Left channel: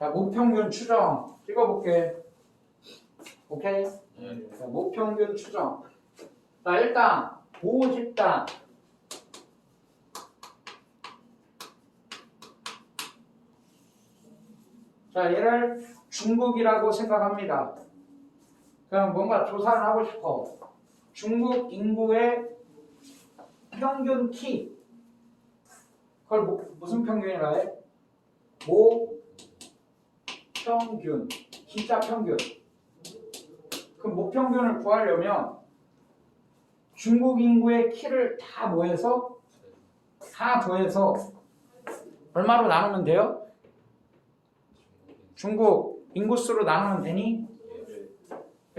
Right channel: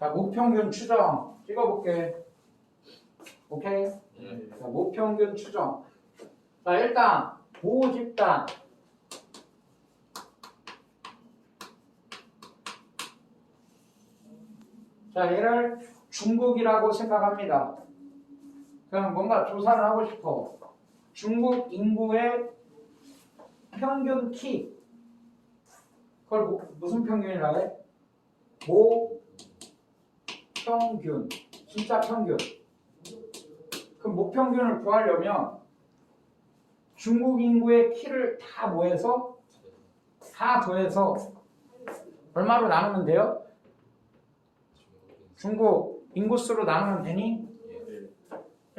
자, 모평균 추정 찍어볼게. 오케이? 네. 자, 모평균 추정. 자, 일단 모집단. 자, 얘를 중국이라고 생각합니다. 그냥 뭔가 조사를 하고 싶어. 중국 인구의 평균 키. 그걸 무슨 평균이라 해? 모평균. 진짜 평균. 그 모평균을 구하려면 중국 인구의 키를 다 더해서 얼마로 나누면 돼요? 중국 인구수로 나누면 되니?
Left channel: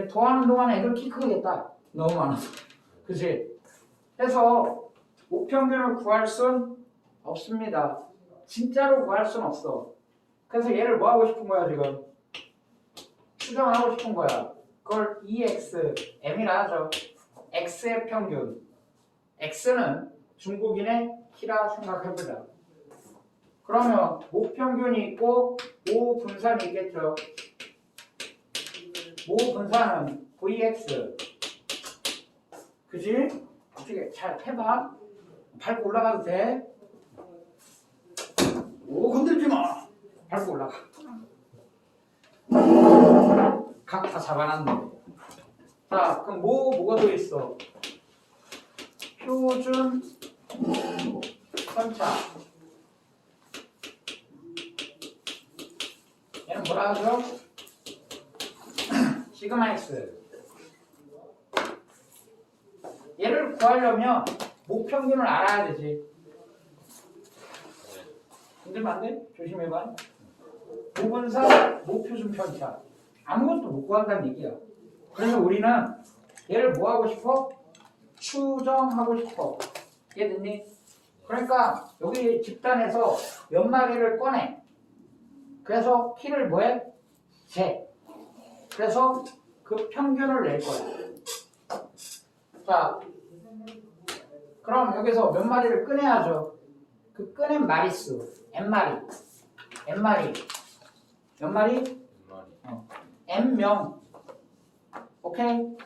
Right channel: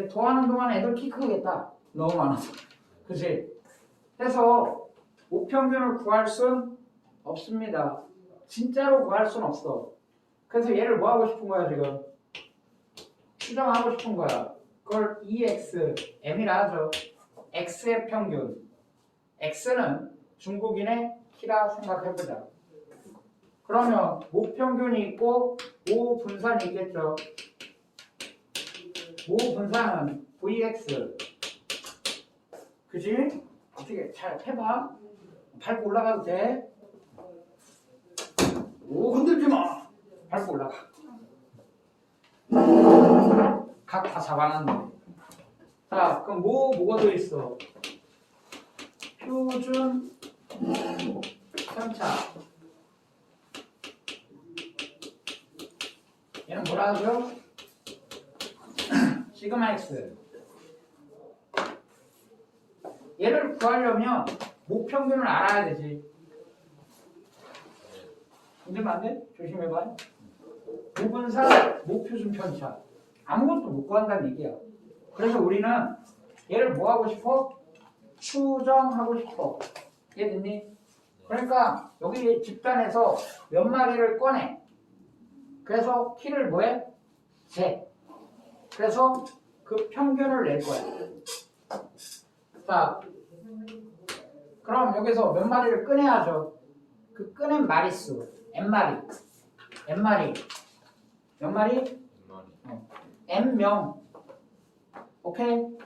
더하는 동안에 애들 키 크겠다. 너무 많아서. 그치? 해서 모평균을 구할 순 없습니다. 진짜로 구할 순 없어. 그래서 얘를 뭐 하고 싶은 거야 지금? 추정하고 싶은 거야. 그걸 EX, M이라 하죠. X의 평균. X는 중국인의 키라 생각해보자. 그러면 모평균이 있고 모분산이 있겠죠. 모분산은 VX. 그지? 어떻게 잘 해봐. 밟고 올라가도 돼. 오, 흔들지 마. 밟고 올라가. 각 다 잡아놨는데. 자, 그럼 뭐가 들어있어? 표준 편차. 얘는 뭐라 하죠? 시그마 X. 얘를 구하려면 모평균을 알아야 되지. 문제면 안 돼? 조심해봐. 모분산, 모표준 편차. 아무것도 못 구한다는 얘기야. 그래서 우리는 얘를 뭐 하고 싶어? 추정하고 싶어. 이해됐니? 그러니까 여기 집단에서 몇 마리를 꺼내. 그래서 키를 뭐해? 재. 그래서 그 평균을 낼 거야. 자, 그럼 여기서 몇 마리를 꺼내야죠. 그 꺼낸 마리수 N마리. 몇 마리? N명. 오케이?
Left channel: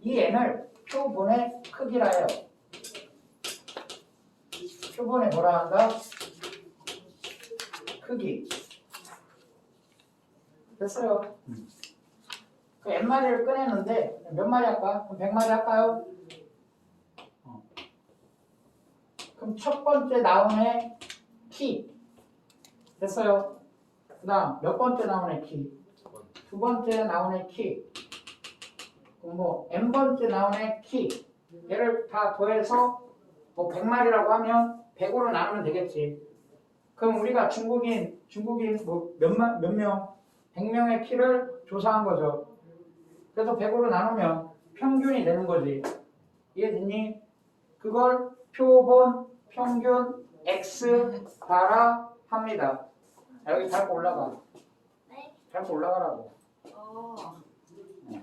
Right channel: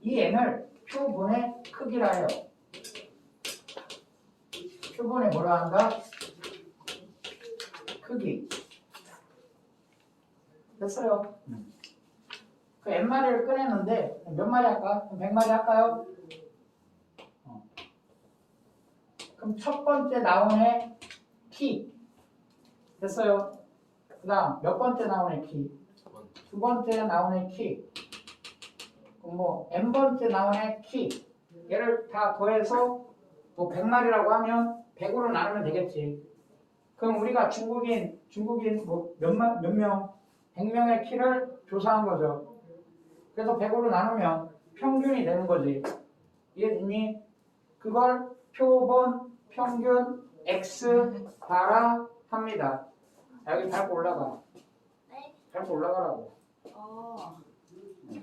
이 N을 표본의 크기라 해요. 표본에 뭐라 한다? 크기. 됐어요. 그 N마리를 꺼내는데 몇 마리 할까? 그럼 100마리 할까요? 그럼 첫 번째 나온 애 키. 됐어요. 그 다음 몇 번째 나온 애 키? 두 번째 나온 애 키. 그럼 뭐 N번째 나온 애 키. 얘를 다 더해서 뭐 100마리라고 하면 100으로 나누면 되겠지. 그럼 우리가 중국인 뭐 몇 명? 100명의 키를 조사한 거죠. 그래서 100으로 나누면 평균이 되는 거지. 이해됐니? 그걸 표본 평균 X 바라 합니다. 여기 밟고 올라가. 네? 밟고 올라가라고.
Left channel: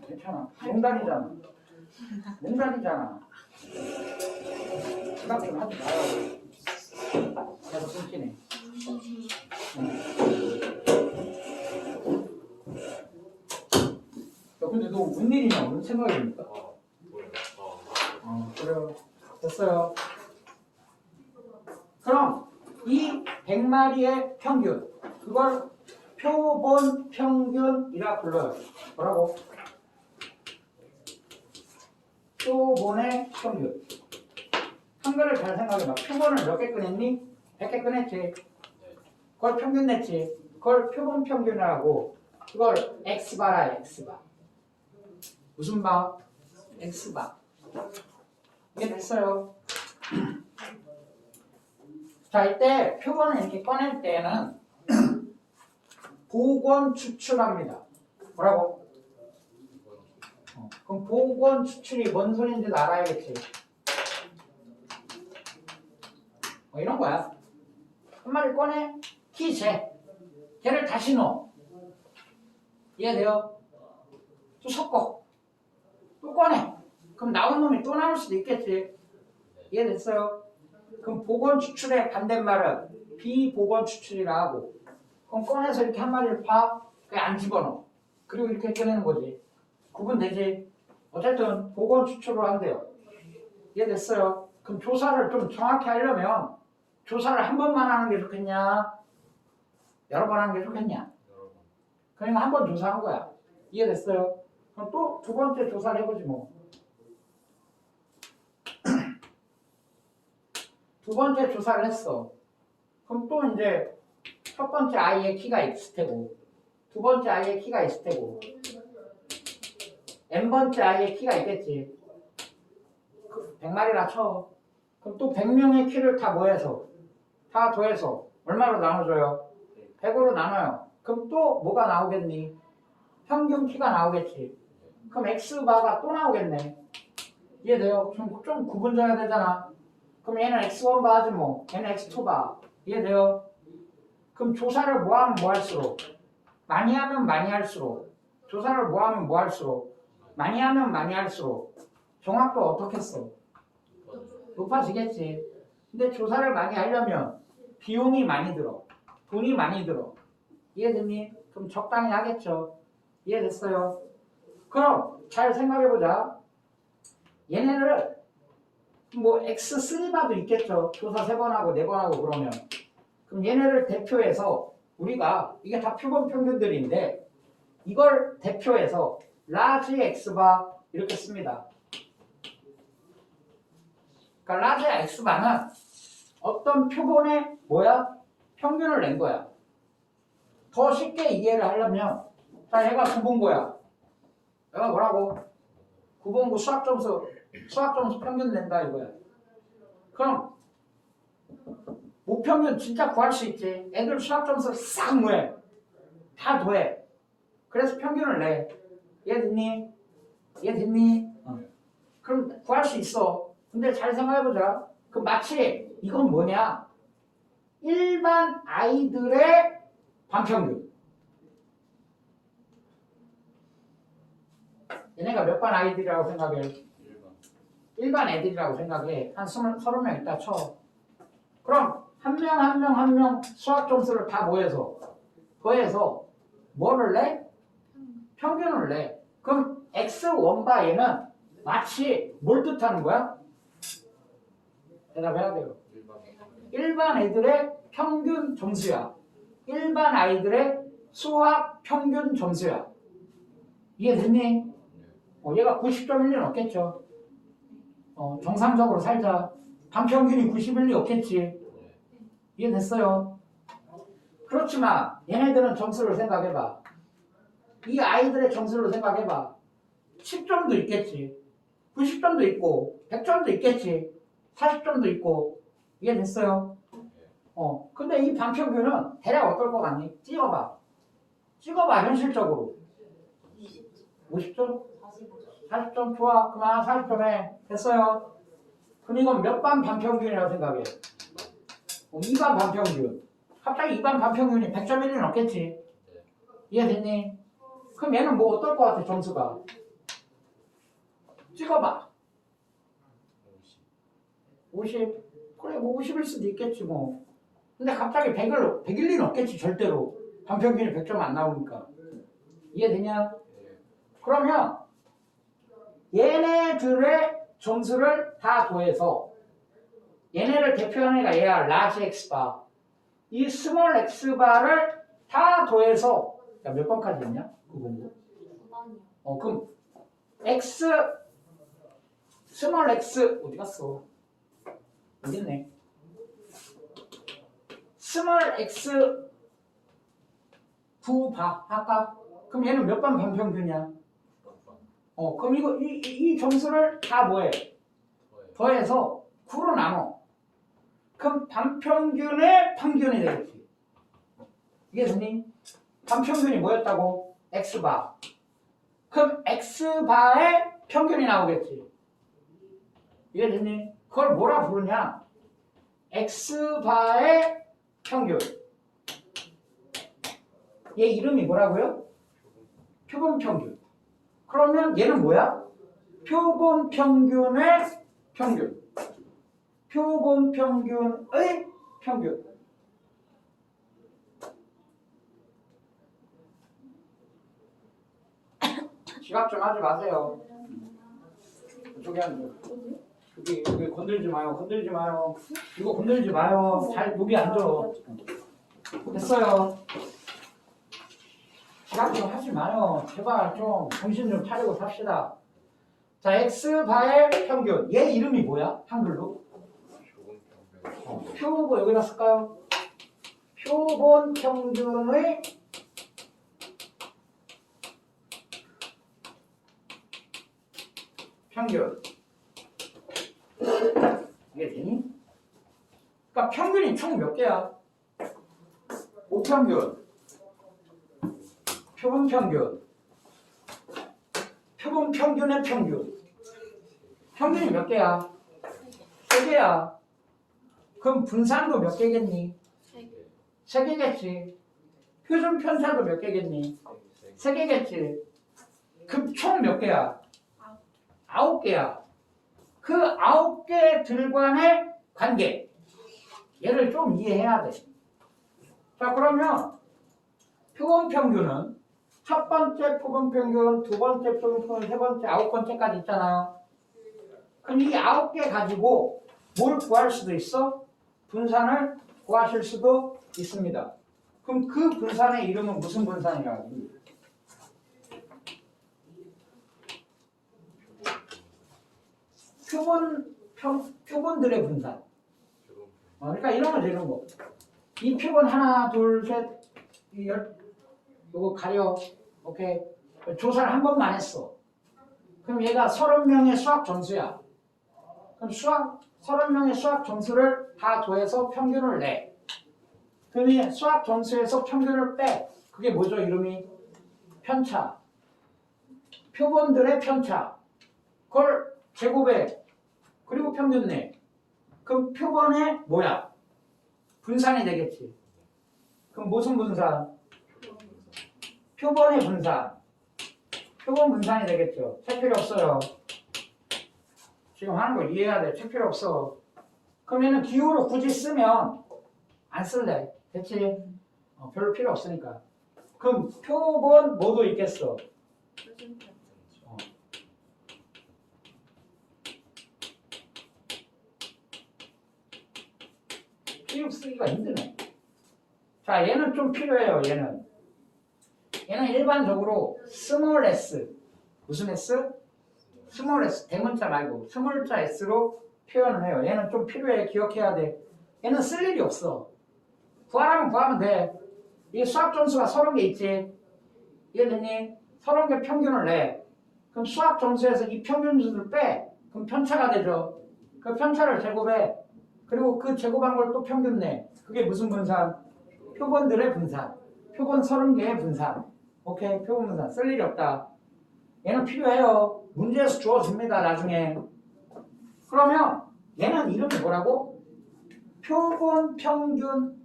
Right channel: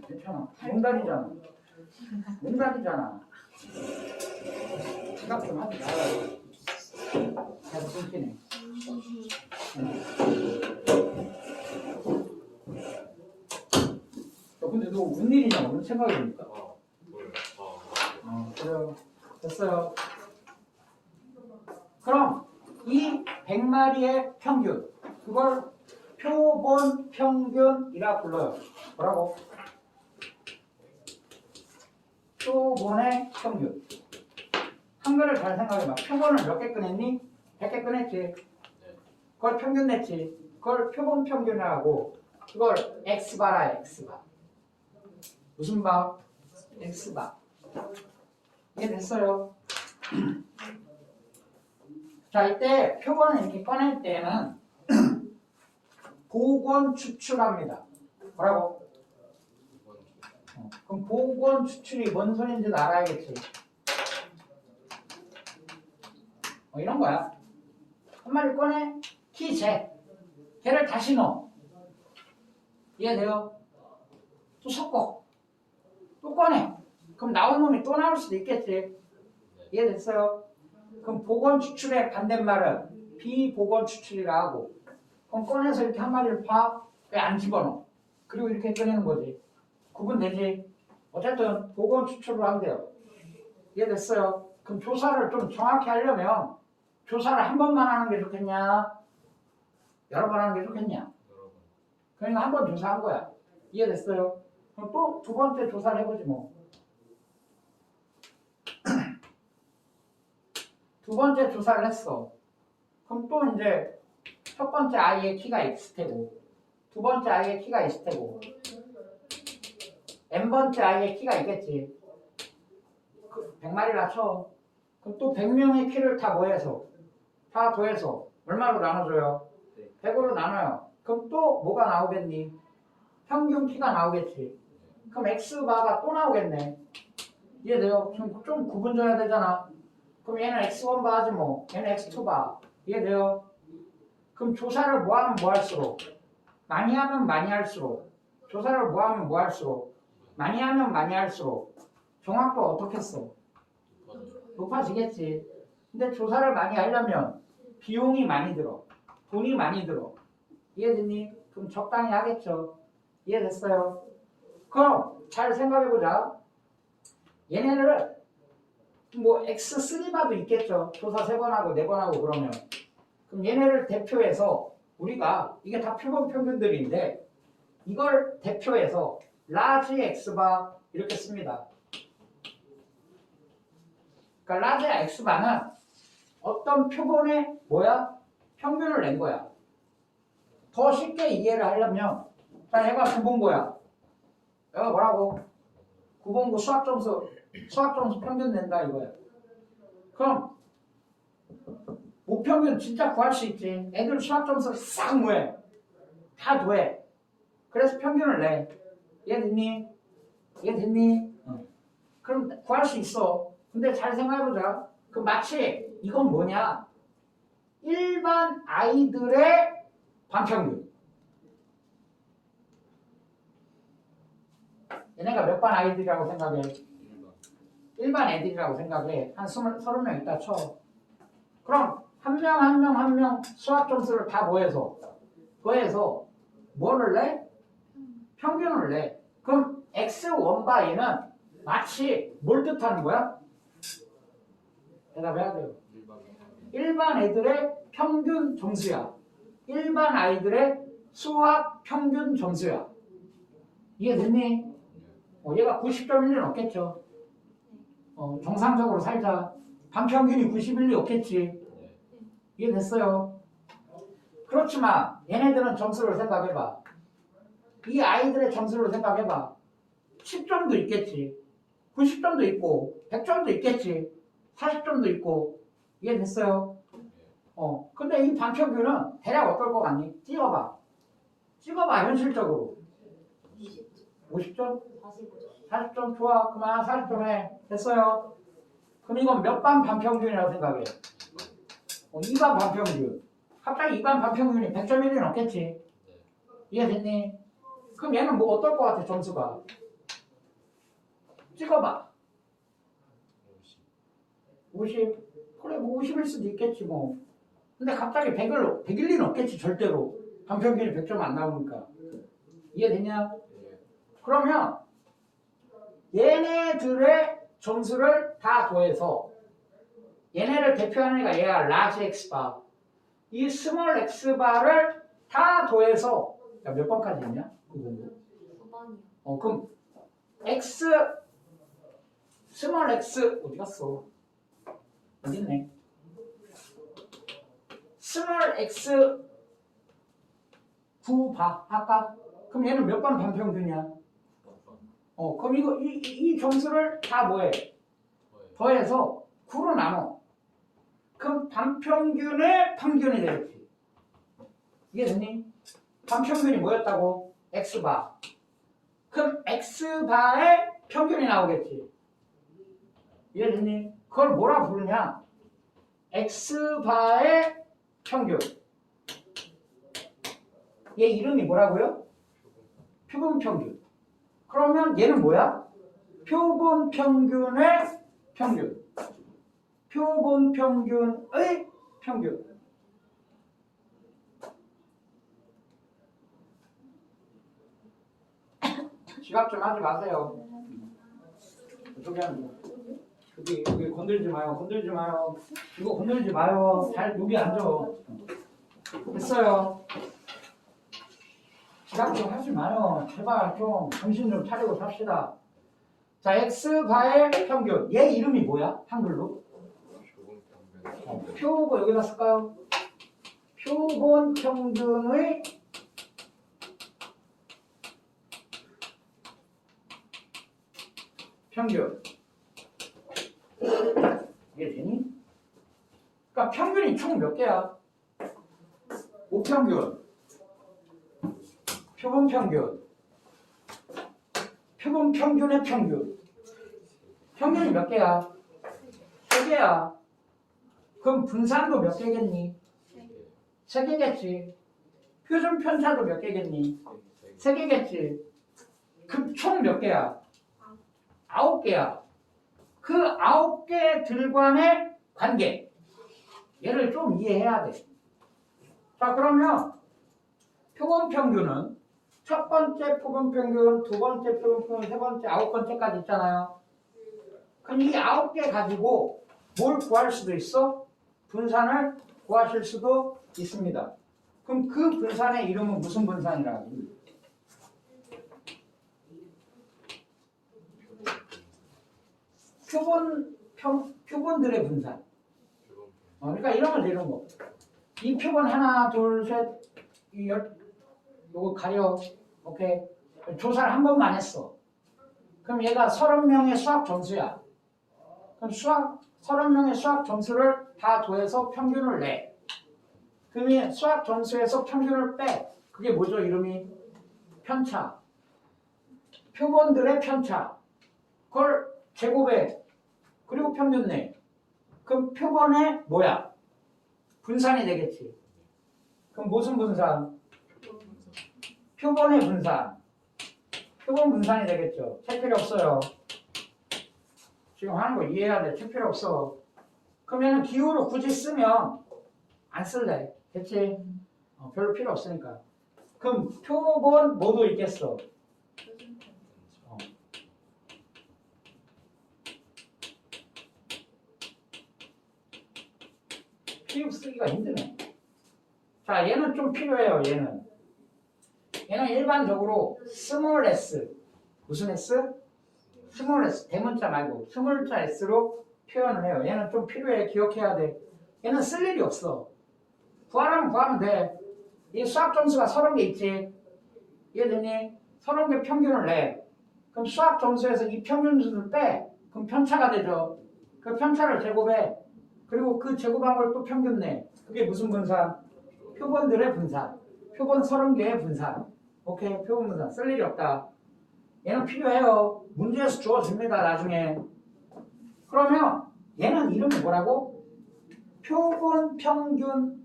괜찮아. 농담이잖아. 생각 좀 하지 말라고. 계속 숨기네. 근데 너 무슨 일이냐? 무슨 생각입니까? 그래요. 됐어요. 그럼 이 100마리의 평균, 그걸 표본 평균이라 불러요. 뭐라고? 표본의 평균. 한글을 잘 생각해봐. 표본을 몇 개 꺼냈니? 100개 꺼냈지. 그걸 평균 냈지. 그걸 표본 평균이라고. 그걸 X바라 X바. 무슨 바? X바. 이게 됐어요. 자, 이때 표본을 이렇게 꺼낼 때는 복원 추출합니다. 뭐라고? 그럼 복원 추출이 뭔 소리인지도 알아야겠지. 이런 거야. 한 마리 꺼내, 키 재. 걔를 다시 넣어. 이해돼요? 또 섞어. 또 꺼내. 그럼 나온 놈이 또 나올 수도 있겠지. 이해됐어요? 그럼 복원 추출의 반대말은 비복원 추출이라 하고, 그럼 꺼내서 이렇게 한 마리를 파, 그냥 안 집어넣어. 그리고 이렇게 꺼내는 거지. 구분되지? 어쨌든 복원 추출을 한대요. 이해됐어요? 그럼 조사를 좀 정확히 하려면 조사를 한 번만 하는 게 좋겠냐? 여러 번 하는 게 좋겠냐? 그러니까 한 번 조사한 거야. 이해됐어요? 그럼 또 두 번째 조사를 해보지 뭐. 두 번째 조사를 했어. 그럼 또 이제 첫 번째 i의 키가 x테고 두 번째 i의 키가 x테고 n번째 i의 키가 있겠지. 100마리라 쳐. 그럼 또 100명의 키를 다 더해서 얼마로 나눠줘요? 100으로 나눠요. 그럼 또 뭐가 나오겠니? 평균 키가 나오겠지. 그럼 x바가 또 나오겠네. 이해돼요? 좀 구분 져야 되잖아. 그럼 얘는 x1바 하지 뭐. 얘는 x2바. 이해돼요? 그럼 조사를 뭐 하면 뭐 할수록? 많이 하면 많이 할수록. 조사를 뭐 하면 뭐 할수록? 많이 하면 많이 할수록. 정확도 어떻게 써? 높아지겠지. 근데 조사를 많이 하려면 비용이 많이 들어. 돈이 많이 들어. 이해됐니? 그럼 적당히 하겠죠. 이해됐어요? 그럼 잘 생각해보자. 얘네를 뭐 X3바도 있겠죠. 조사 3번 하고 4번 하고 그러면. 그럼 얘네를 대표해서 우리가 이게 다 표본 평균들인데 이걸 대표해서 라지 X바 이렇게 씁니다. 그러니까 라지 X바는 어떤 표본의 뭐야? 평균을 낸 거야. 더 쉽게 이해를 하려면 자 얘가 구본고야. 얘가 뭐라고? 구본고 수학점수 평균 낸다 이거야. 그럼 모평균 진짜 구할 수 있지. 애들 수학점수 싹 뭐해? 다 더해. 그래서 평균을 내. 이해됐니? 그럼 구할 수 있어. 근데 잘 생각해보자. 그 마치 이건 뭐냐? 일반 아이들의 반평균. 얘네가 몇 반 아이들이라고 생각해? 일반 애들이라고 생각해. 한 30명 있다 쳐. 그럼 한 명 수학 점수를 다 더해서 뭐를 내? 평균을 내. 그럼 X1바 얘는 마치 뭘 뜻하는 거야? 대답해야 돼요. 일반 애들의 평균 점수야. 일반 아이들의 수학 평균 점수야. 이해됐니? 얘가 90점일 리는 없겠죠. 정상적으로 살자. 반평균이 90일 리 없겠지. 이해됐어요? 그렇지만 얘네들은 점수를 생각해봐. 이 아이들의 점수를 생각해봐. 10점도 있겠지. 90점도 있고 100점도 있겠지. 40점도 있고. 이해됐어요? 근데 이 반평균은 대략 어떨 것 같니? 찍어봐 현실적으로. 50점? 40점 좋아. 그만 40점에 됐어요. 그럼 이건 몇 반 반평균이라고 생각해? 2반 반평균. 갑자기 2반 반평균이 100점일 리는 없겠지. 이해됐니? 그럼 얘는 뭐 어떨 것 같아 점수가? 찍어봐. 50? 그래 뭐 50일 수도 있겠지 뭐. 근데 갑자기 100일 리는 없겠지 절대로. 반평균이 100점 안 나오니까. 이해되냐? 그러면 얘네들의 점수를 다 더해서 얘네를 대표하는 애가 얘가 라지 X바. 이 스몰 X바를 다 더해서 몇 번까지 있냐? 그럼 X 스몰 X 어디 갔어? 어디 있네? 스몰 X 9바 할까? 그럼 얘는 몇 반 반평균이야? 그럼 이 점수를 다 뭐해? 더해서 9로 나눠. 그럼 반평균의 평균이 되겠지. 이게 되니? 반평균이 뭐였다고? X바. 그럼 X바의 평균이 나오겠지. 이해됐니? 그걸 뭐라 부르냐? X바의 평균. 얘 이름이 뭐라고요? 표본 평균. 그러면 얘는 뭐야? 표본 평균의 평균. 표본 평균의 평균. 지각 좀 하지 마세요. 저기 앉아. 여기 건들지 마요. 건들지 마요. 이거 건들지 마요. 잘 여기 앉아. 됐어요. 지각 좀 하지 마요. 제발 좀 정신 좀 차리고 삽시다. 자, X바의 평균. 얘 이름이 뭐야? 한글로? 표고 여기다 쓸까요? 표본 평균의 평균. 이게 되니? 그러니까 평균이 총 몇 개야? 5평균. 표본 평균. 표본 평균의 평균. 평균이 몇 개야? 3개야. 그럼 분산도 몇 개겠니? 3개겠지. 표준 편차도 몇 개겠니? 3개겠지. 그럼 총 몇 개야? 9개야. 그 9개들과의 관계. 얘를 좀 이해해야 돼. 자, 그러면 표본 평균은 첫 번째 표본 평균, 두 번째 표본 평균, 세 번째, 9번째까지 있잖아요. 그럼 이 9개 가지고 뭘 구할 수도 있어? 분산을 구하실 수도 있습니다. 그럼 그 분산의 이름은 무슨 분산이라고? 표본들의 분산. 그러니까 이러면 되는 거. 이 표본 하나, 둘, 셋, 요거 가려. 오케이. 조사를 한 번만 했어. 그럼 얘가 30명의 수학 점수야. 그럼 30명의 수학 점수를 다 더해서 평균을 내. 그럼 수학 점수에서 평균을 빼. 그게 뭐죠? 이름이? 편차. 표본들의 편차. 그걸 제곱해. 그리고 평균 내. 그럼 표본의 뭐야? 분산이 되겠지. 그럼 무슨 분산? 표본의 분산. 표본 분산이 되겠죠. 책 필요 없어요. 지금 하는 거 이해해야 돼. 책 필요 없어. 그러면 기호로 굳이 쓰면 안 쓸래. 됐지? 별로 필요 없으니까. 그럼 표본 뭐도 있겠어? 피육 쓰기가 힘드네. 자, 얘는 좀 필요해요. 얘는 일반적으로 스몰 s. 무슨 s? 스몰 s. 대문자 말고 스몰자 s로 표현을 해요. 얘는 좀 필요해. 기억해야 돼. 얘는 쓸 일이 없어. 구하라면 구하면 돼. 이 수학 점수가 30개 있지. 이해됐니? 30개 평균을 내. 그럼 수학 점수에서 이 평균 수를 빼. 그럼 편차가 되죠. 그 편차를 제곱해. 그리고 그 제곱한 걸 또 평균 내. 그게 무슨 분산? 표본들의 분산. 표본 30개의 분산. 오케이? 표본 분산. 쓸 일이 없다. 얘는 필요해요. 문제에서 주어집니다. 나중에. 그러면 얘는 이름이 뭐라고? 표본 평균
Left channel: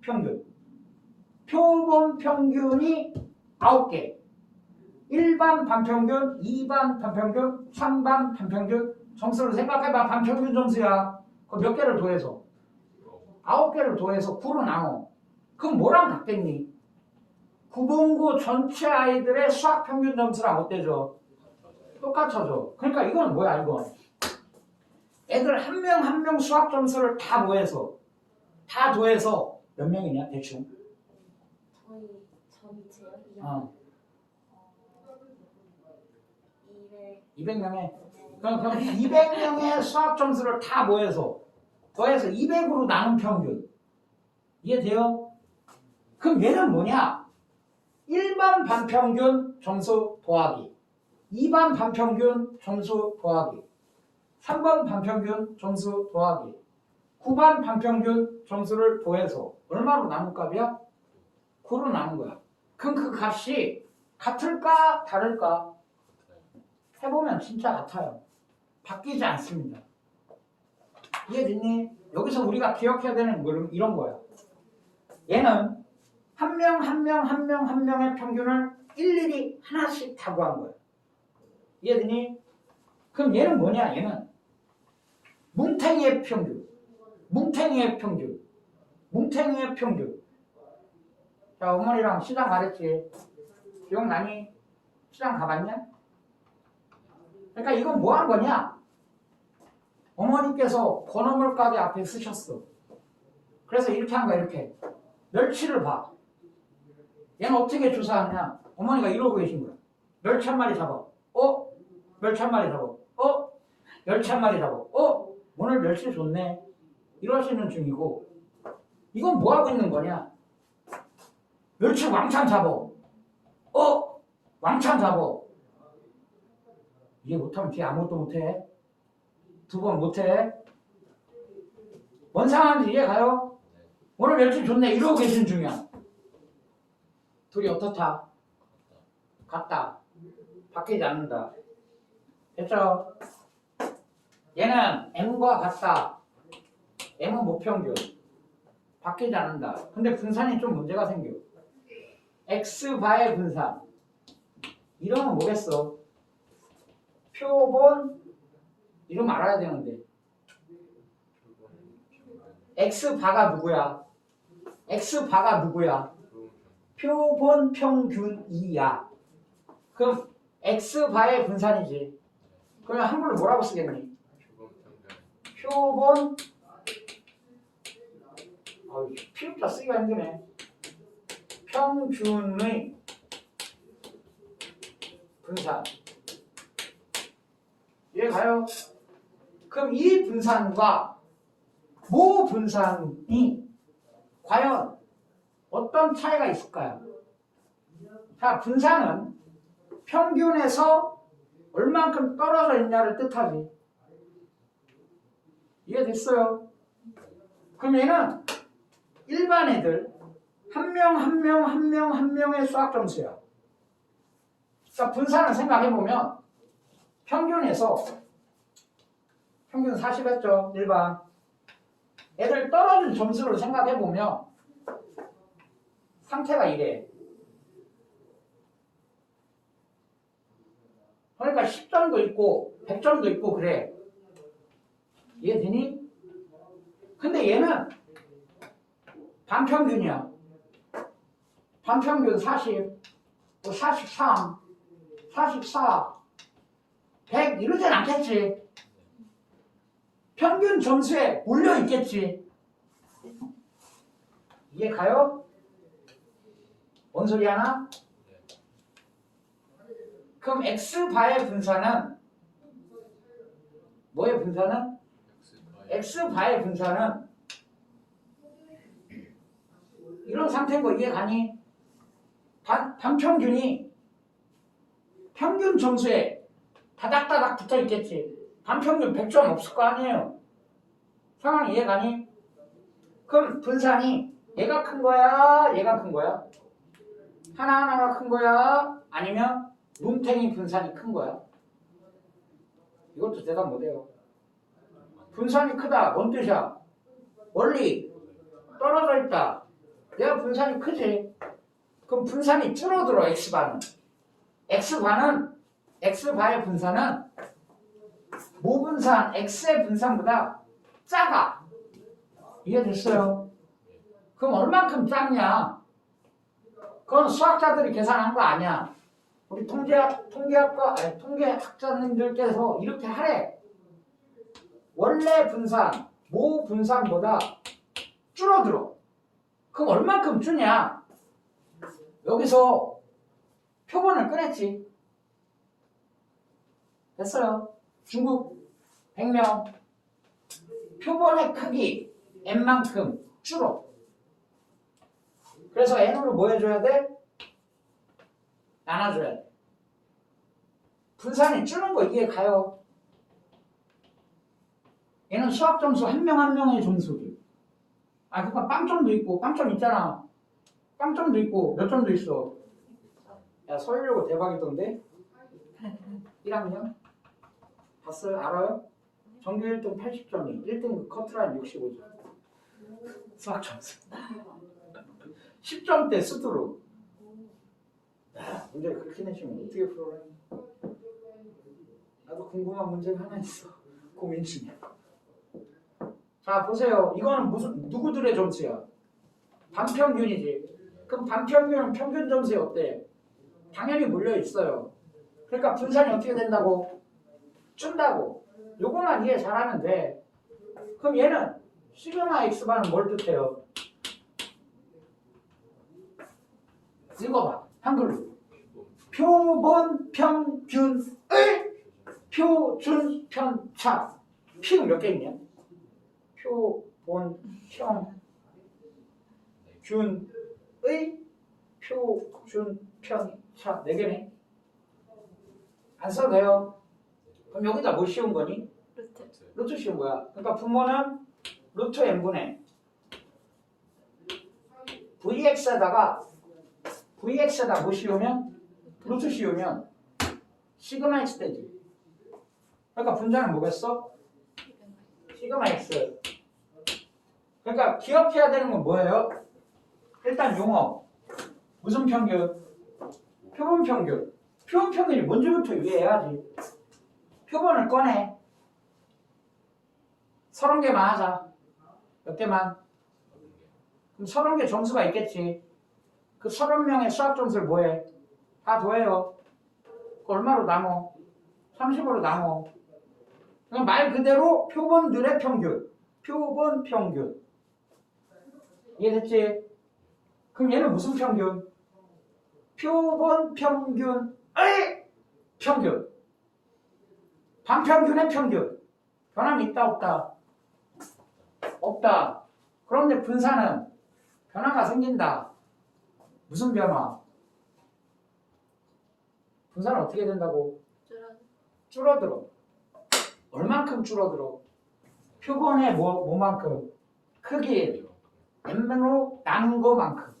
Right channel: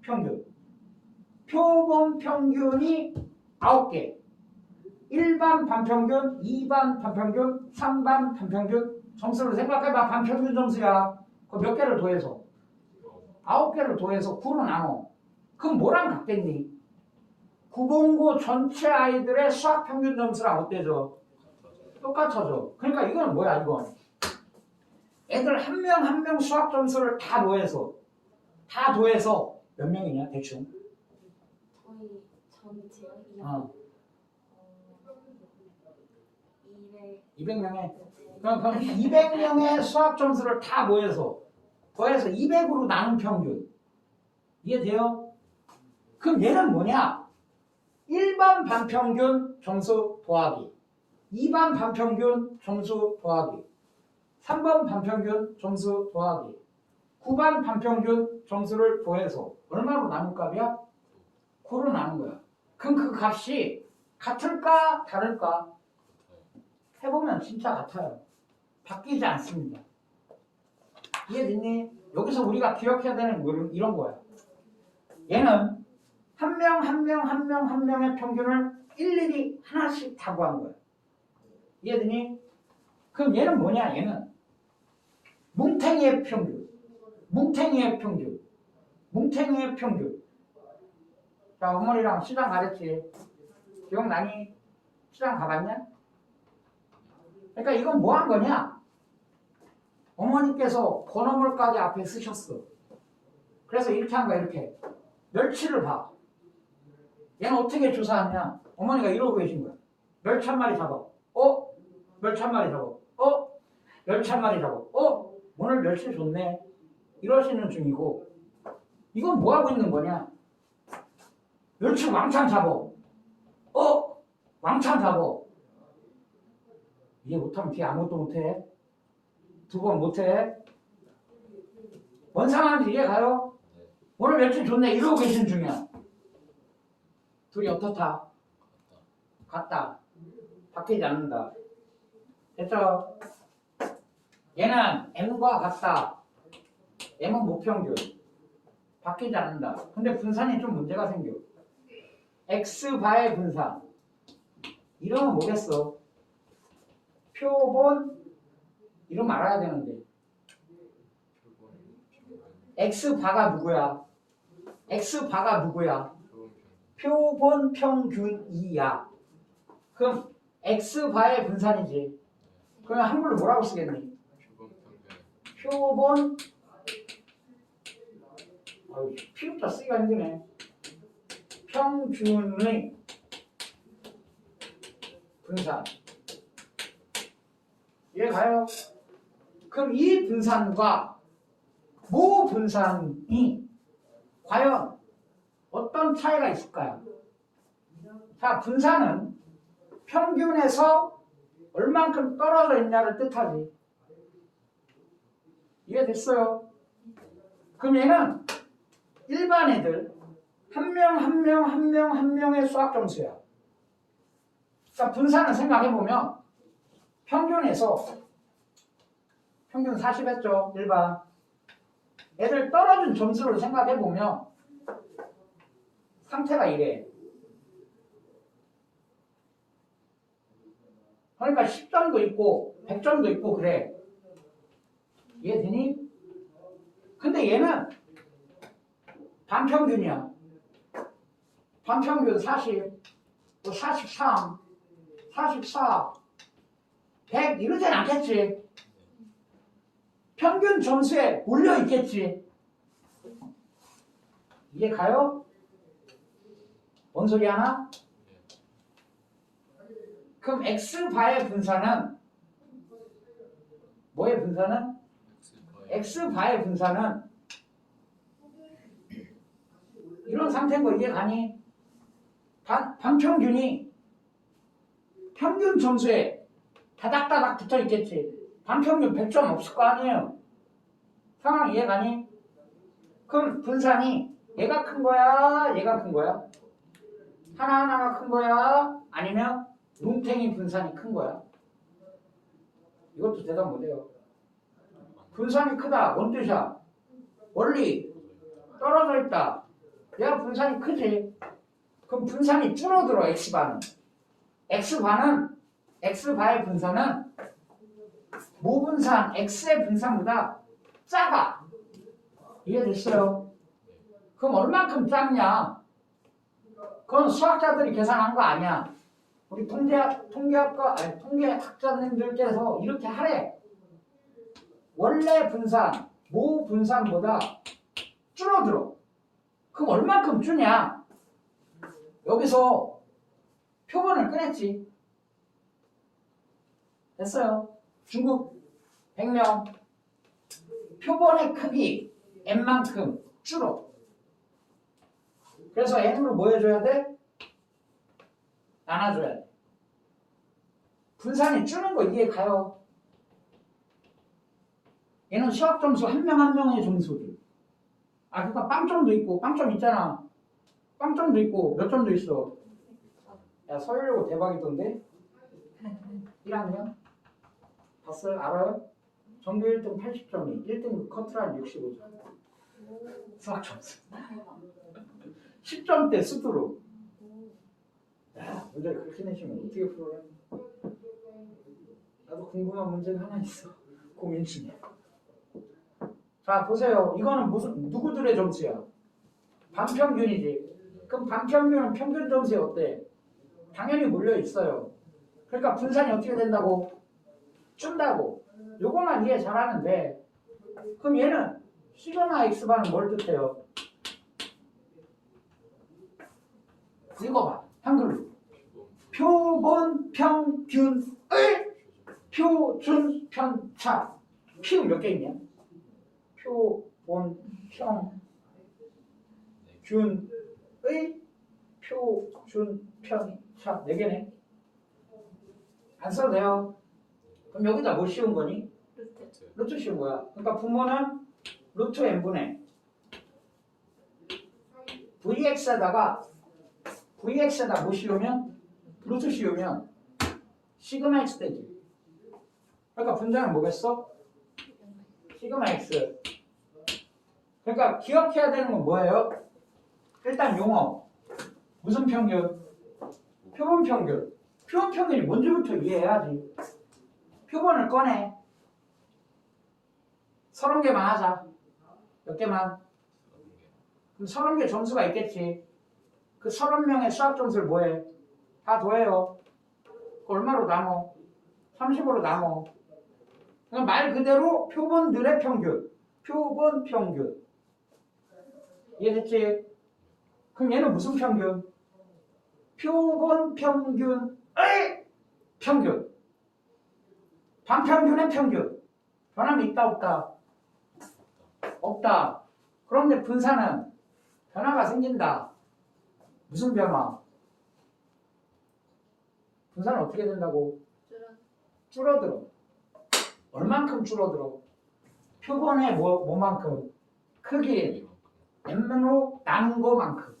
평균. 표본 평균이 9개. 1반 반평균, 2반 반평균, 3반 반평균. 점수를 생각해봐. 반평균 점수야. 그 몇 개를 더해서? 9개를 더해서 9로 나눠. 그럼 뭐랑 같겠니? 구본고 전체 아이들의 수학 평균 점수랑 어때져? 똑같아져. 그러니까 이건 뭐야 이건? 애들 한 명 한 명 수학 점수를 다 더해서 몇 명이냐 대충? 전체요? 200명에 그럼 200명의 수학 점수를 다 더해서 200으로 나눈 평균. 이해돼요? 그럼 얘는 뭐냐? 1반 반평균 점수 더하기 2반 반평균 점수 더하기 3번 반평균 점수 더하기 9반 반평균 점수를 더해서 얼마로 나눈 값이야? 9로 나눈 거야. 그럼 그 값이 같을까 다를까? 해보면 진짜 같아요. 바뀌지 않습니다. 이해됐니? 여기서 우리가 기억해야 되는 건 이런 거야. 얘는 한 명 한 명의 평균을 일일이 하나씩 다 구한 거야. 이해되니? 그럼 얘는 뭐냐? 얘는 뭉탱이의 평균. 자, 어머니랑 시장 가랬지. 기억나니? 시장 가봤냐? 그러니까 이건 뭐 한 거냐? 어머니께서 번호물 가게 앞에 쓰셨어. 그래서 이렇게 한 거야, 이렇게. 멸치를 봐. 얘는 어떻게 조사하냐? 어머니가 이러고 계신 거야. 멸치 한 마리 잡아. 멸치 한 마리 잡아. 멸치 한 마리 잡아. 오늘 멸치 좋네. 이러시는 중이고, 이건 뭐 하고 있는 거냐? 멸치 왕창 잡아. 왕창 잡아. 이해 못하면 뒤에 아무것도 못해. 두 번 못해. 뭔 상황인지 이해 가요? 오늘 멸치 좋네. 이러고 계신 중이야. 둘이 어떻다? 같다. 바뀌지 않는다. 됐죠? 얘는 M과 같다. M은 무평균. 바뀌지 않는다. 근데 분산이 좀 문제가 생겨. X바의 분산. 이러면 뭐겠어? 표본 이름 알아야 되는데. X바가 누구야? X바가 누구야? 표본 평균이야. 그럼 X바의 분산이지. 그럼 한글로 뭐라고 쓰겠니? 표본 피읍자 쓰기가 힘드네. 평균의 분산. 이해 가요? 그럼 이 분산과 모 분산이 과연 어떤 차이가 있을까요? 자, 분산은 평균에서 얼만큼 떨어져 있냐를 뜻하지. 이해됐어요? 그럼 얘는 일반 애들 한 명 한 명의 수학 점수야. 자, 분산을 생각해보면 평균에서 평균 40 했죠. 일반 애들 떨어진 점수를 생각해보면 상태가 이래. 그러니까 10점도 있고 100점도 있고 그래. 이해되니? 근데 얘는 반평균이야. 반평균 40, 43, 44, 100 이러진 않겠지. 평균 점수에 몰려 있겠지. 이해 가요? 뭔 소리 하나? 그럼 X바의 분산은 뭐의 분산은? X바의 분산은 이런 상태인 거 이해 가니? 반평균이 평균 점수에 다닥다닥 붙어 있겠지. 반평균 100점 없을 거 아니에요. 상황 이해 가니? 그럼 분산이 얘가 큰 거야? 얘가 큰 거야? 하나하나가 큰 거야? 아니면 뭉탱이 분산이 큰 거야? 이것도 대답 못해요. 분산이 크다. 뭔 뜻이야? 원리 떨어져 있다. 얘가 분산이 크지. 그럼 분산이 줄어들어. X바는. X바의 분산은 모분산 X의 분산보다 작아. 이해됐어요? 그럼 얼만큼 작냐? 그건 수학자들이 계산한 거 아니야. 우리 통계학자님들께서 이렇게 하래. 원래 분산, 모 분산보다 줄어들어. 그럼 얼만큼 주냐? 여기서 표본을 꺼냈지. 됐어요. 중국 100명 표본의 크기 N만큼 줄어. 그래서 N으로 뭐 해줘야 돼? 나눠줘야 돼. 분산이 줄는 거 이해 가요? 얘는 수학 점수 한 명 한 명의 점수들. 그러니까 빵점도 있고, 빵점 있잖아. 빵점도 있고, 몇 점도 있어. 야, 서울여고 대박이던데? 1학년? 봤어요? 알아요? 전교 1등 80점이, 1등 커트라인 65점. 수학 점수. 10점대 수두로. 문제 그렇게 내시면 어떻게 풀어라? 나도 궁금한 문제가 하나 있어. 고민 중이야. 자, 보세요. 이거는 누구들의 점수야? 반평균이지. 그럼 반평균은 평균 점수에 어때? 당연히 몰려 있어요. 그러니까 분산이 어떻게 된다고? 준다고. 요거만 이해 잘하면 돼. 그럼 얘는 시그마 x반은 뭘 뜻해요? 읽어봐. 한글로. 표본 평균의 표준 편차. P가 몇 개 있냐? 표본 평균의 표준 편차 4개네. 안 써도 돼요. 그럼 여기다 뭐 씌운 거니? 루트 씌운 거야. 그러니까 분모는 루트 n분의 vx에다가 뭐 씌우면? 루트 씌우면 시그마 x 되지. 그러니까 분자는 뭐겠어? 시그마 x. 그러니까 기억해야 되는 건 뭐예요? 일단 용어. 무슨 평균? 표본 평균. 표본 평균이 뭔지부터 이해해야지. 표본을 꺼내. 30개만 하자. 몇 개만? 그럼 30개 점수가 있겠지. 그 30명의 수학 점수를 뭐해? 다 더해요. 그 얼마로 나눠? 30으로 나눠. 그럼 말 그대로 표본들의 평균. 표본 평균. 이해됐지? 그럼 얘는 무슨 평균? 표본 평균의 평균. 반평균의 평균. 변함이 있다 없다? 없다. 그런데 분산은 변화가 생긴다. 무슨 변화? 분산은 어떻게 된다고? 줄어들어. 얼만큼 줄어들어? 표본의 뭐만큼? 크기 n으로 나눈 거만큼.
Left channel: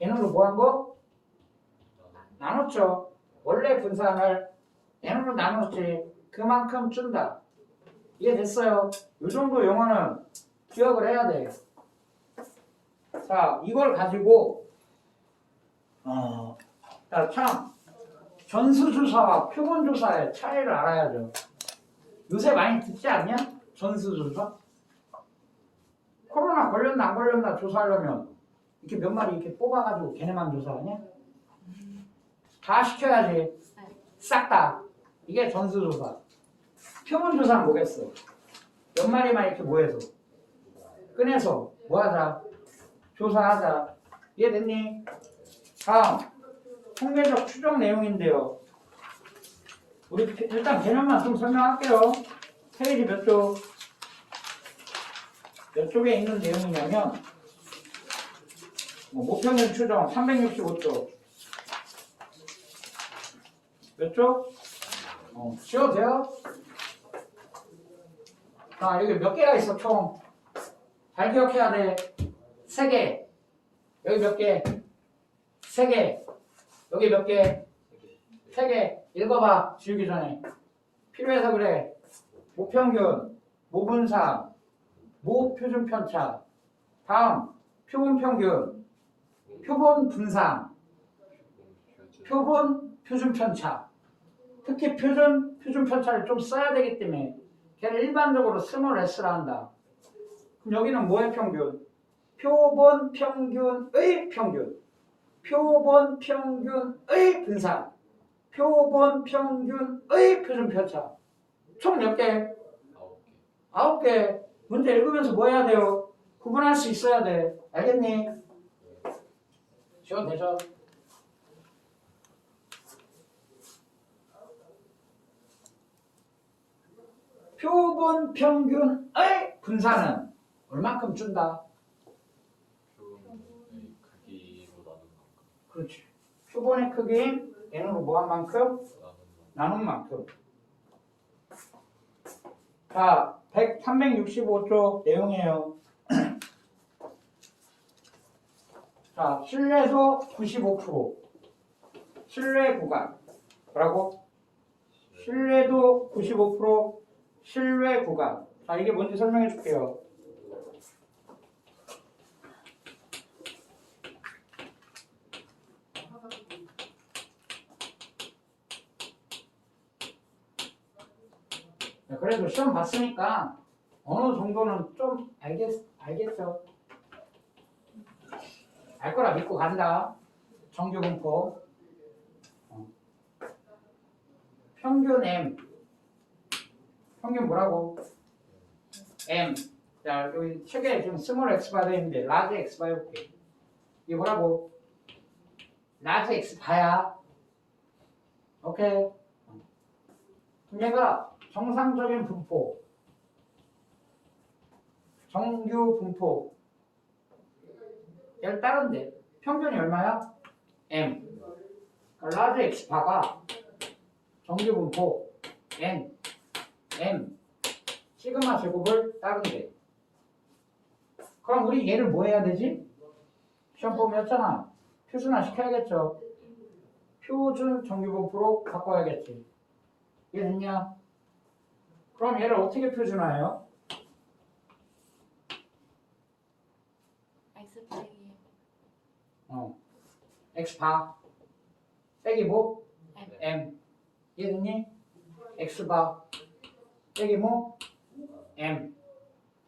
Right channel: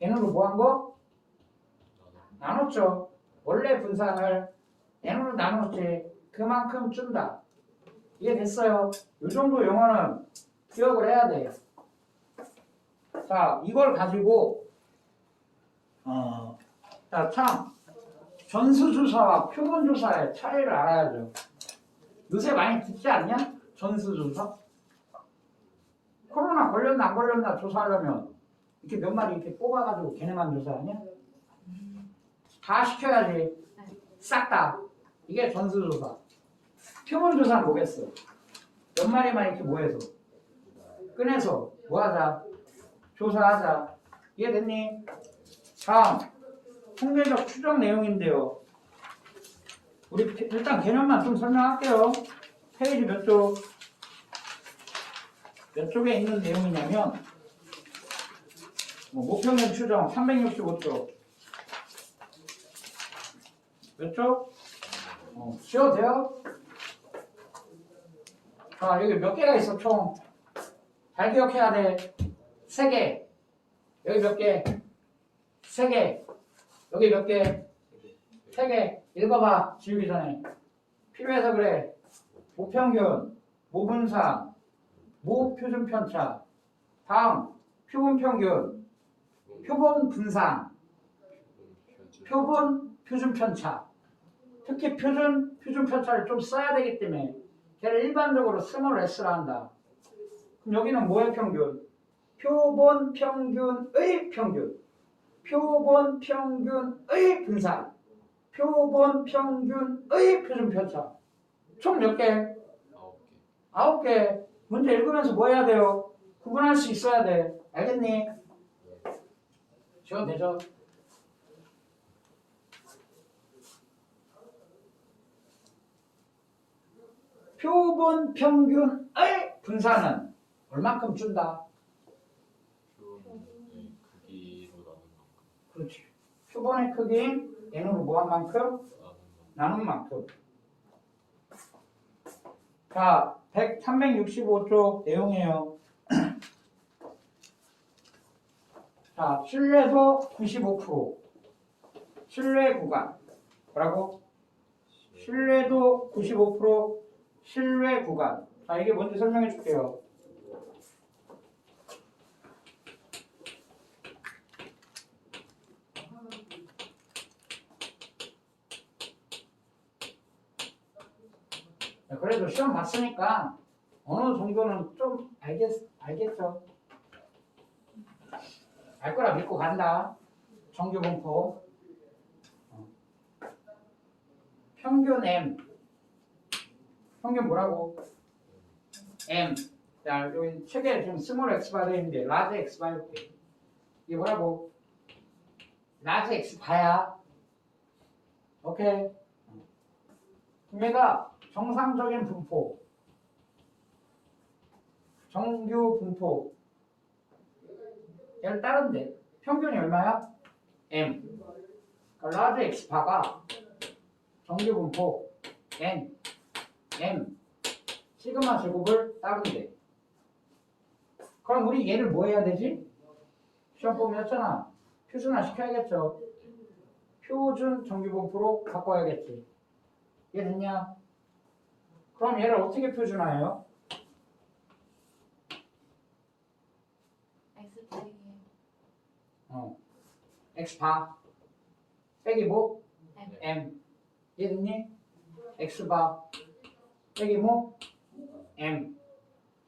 n으로 뭐 한 거? 나눴죠. 원래 분산을 n으로 나눴지. 그만큼 준다. 이해됐어요? 이 정도 용어는 기억을 해야 돼. 자, 이걸 가지고 참 전수조사와 표본조사의 차이를 알아야죠. 요새 많이 듣지 않냐? 전수조사? 코로나 걸렸나 안 걸렸나 조사하려면 이렇게 몇 마리 이렇게 뽑아가지고 걔네만 조사하냐? 다 시켜야지. 싹 다. 이게 전수조사. 표본조사는 뭐겠어? 몇 마리만 이렇게 모여서 꺼내서 뭐하자? 조사하자. 이해됐니? 다음 통계적 추정 내용인데요. 우리 일단 개념만 좀 설명할게요. 페이지 몇 쪽? 몇 쪽에 있는 내용이냐면 모평균 추정 365쪽. 몇 쪽? 지워도 돼요? 자, 여기 몇 개가 있어, 총? 잘 기억해야 돼. 3개. 여기 몇 개? 3개. 여기 몇 개? 3개. 읽어봐, 지우기 전에. 필요해서 그래. 모평균, 모분산, 모표준편차. 다음, 표본평균, 표본분산, 표본표준편차. 특히 표준편차를 좀 써야 되기 때문에 걔를 일반적으로 스몰 s라 한다. 그럼 여기는 뭐의 평균? 표본평균의 평균. 표본평균의 분산. 표본평균의 표준편차. 총 몇 개? 9개. 문제 읽으면서 뭐 해야 돼요? 구분할 수 있어야 돼. 알겠니? 지워도 되죠? 표본평균의 분산은 얼만큼 준다? 그렇지. 표본의 크기인 n으로 뭐한 만큼? 나눈 만큼. 자, 365쪽 내용이에요. 자, 신뢰도 95%. 신뢰 구간. 뭐라고? 신뢰도 95%. 신뢰 구간. 자, 이게 뭔지 설명해 줄게요. 그래도 시험 봤으니까 어느 정도는 좀 알겠죠? 알 거라 믿고 간다. 정규 분포. 평균 M. 평균 뭐라고? M. 자, 여기 책에 지금 스몰 x 바가 있는데 라지 x 바 해볼게. 이게 뭐라고? 라지 x 바야. 오케이. 얘가 정상적인 분포, 정규 분포. 얘를 따른데 평균이 얼마야? M. 그러니까 라지 x 바가 정규 분포 N, M, 시그마 제곱을 따른대. 그럼 우리 얘를 뭐 해야 되지? 시험 보면였잖아. 표준화 시켜야겠죠. 표준 정규 분포로 바꿔야겠지. 이해됐냐? 그럼 얘를 어떻게 표준화해요? X 빼기 x 바 빼기 뭐? M. M. 이해됐니? x 바 빼기 뭐? M.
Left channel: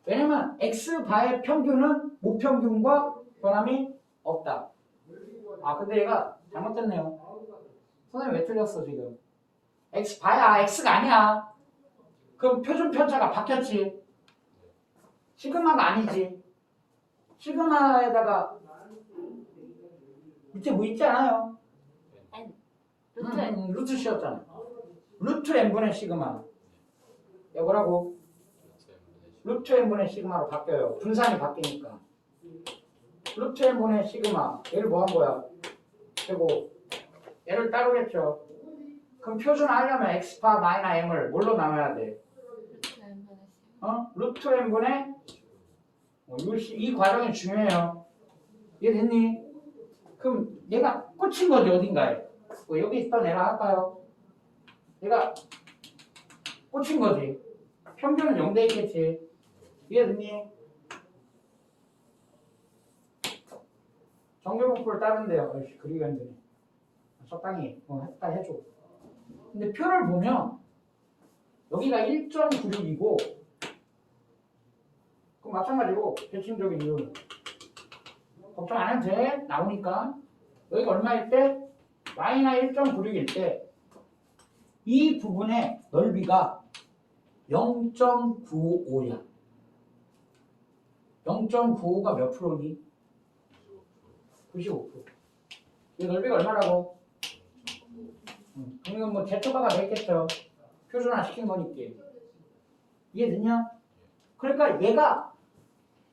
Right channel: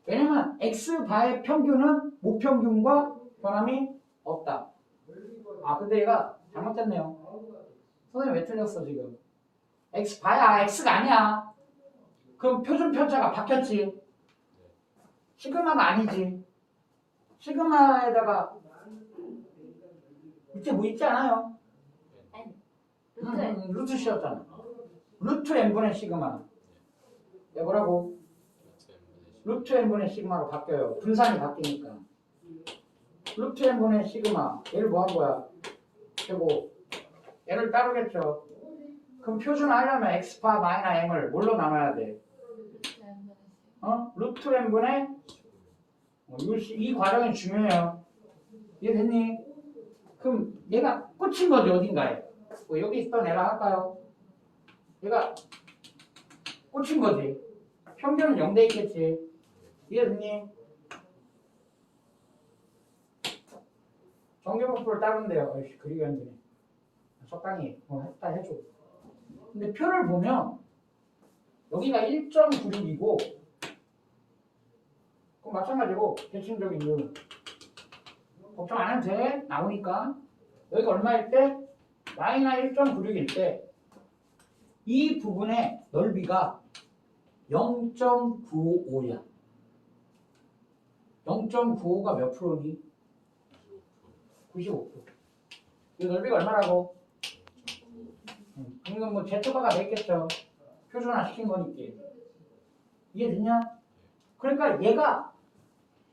왜냐면 x 바의 평균은 무평균과 변함이 없다. 아 근데 얘가 잘못됐네요. 선생님 왜 틀렸어 지금? x 바야 x가 아니야. 그럼 표준 편차가 바뀌었지. 시그마가 아니지. 시그마에다가 밑에 뭐 있지 않아요? N. 루트 루트 씌웠잖아. 루트 n분의 시그마. 이거 뭐라고? 루트 n분의 시그마로 바뀌어요. 분산이 바뀌니까. 루트 n분의 시그마. 얘를 뭐 한 거야? 그리고 얘를 따르겠죠. 그럼 표준화하려면 x파 마이너 m을 뭘로 나눠야 돼? 루트 N분의 루트 n분의 이 과정이 중요해요. 이해됐니? 그럼 얘가 꽂힌 거지 어딘가에. 뭐 여기 있던 애라 할까요? 얘가 꽂힌 거지. 평균은 0돼 있겠지. 이해됐니? 정규분포를 따른대요. 그리기가 힘드네. 적당히 했다 해줘. 근데 표를 보면 여기가 1.96이고 그럼 마찬가지고 대칭적인 이유 걱정 안 해도 돼. 나오니까 여기가 얼마일 때? 마이너 1.96일 때 이 부분의 넓이가 0.95야. 0.95가 몇 프로니? 95%. 이 넓이가 얼마라고? 이건 뭐 제초바가 되겠죠. 표준화 시킨 거니까. 이해됐냐? 그러니까 얘가